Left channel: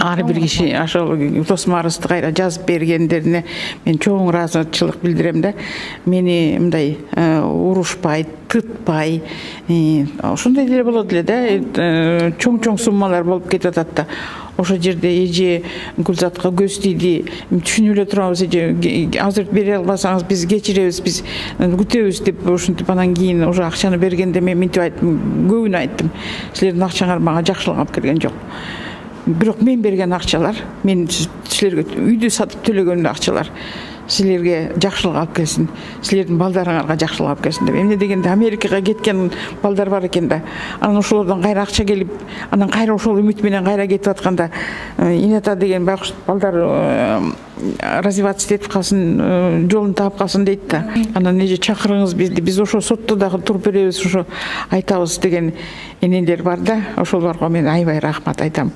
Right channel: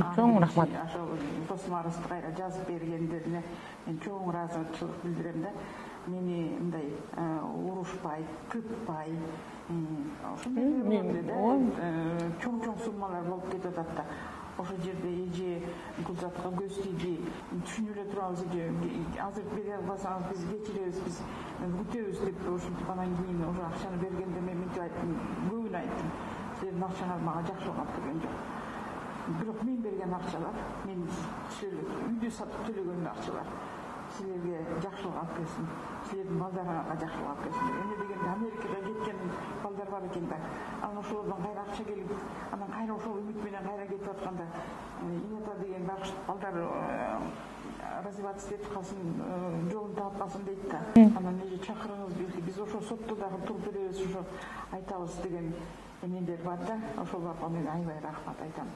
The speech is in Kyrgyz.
Ары bir kişi aşağı Tosmarısты kayra жазып bергендерine men çoğun razıçılık bildirem de meni mындай uruşpay, tıtpay, ошондой деле болот эле да, чоң суммалар болуп кетип атат да. Ошо жерде эже Гүлзатка көз тийди, түшүнүп эле турабыз, эже азыр бере албасаңыз биз кечиребиз, биз күтөбүз деп ушинтип анан кийин уже акчаны бергенде мен мынтип айттым, көбүнө айттым. Силердин акчаңар мага жакшылык алып келген жок. Бирок мен берген акчалар, мен силерге үйдү сатып төлөгөн акчалар силерге жакшылык алып келсин, силердин балдарыңарга жакшылык алып келсин деп. Эмне дегенде Америкага кеткен балдар бар экен да. Анан ошолордон кайра акча келип, анан кайра ошол үмүт менен кайра кетип атканда, Инета деген байкуш балдар развиваться этип калсын, жолун таап калсын дейт да. Анан эже чакырыңыз бизди, биз ошо сотто дагы туруп беребиз, ошо айтабыз деген энелер бар да. Ошолорго мен аябай рахмат айтам.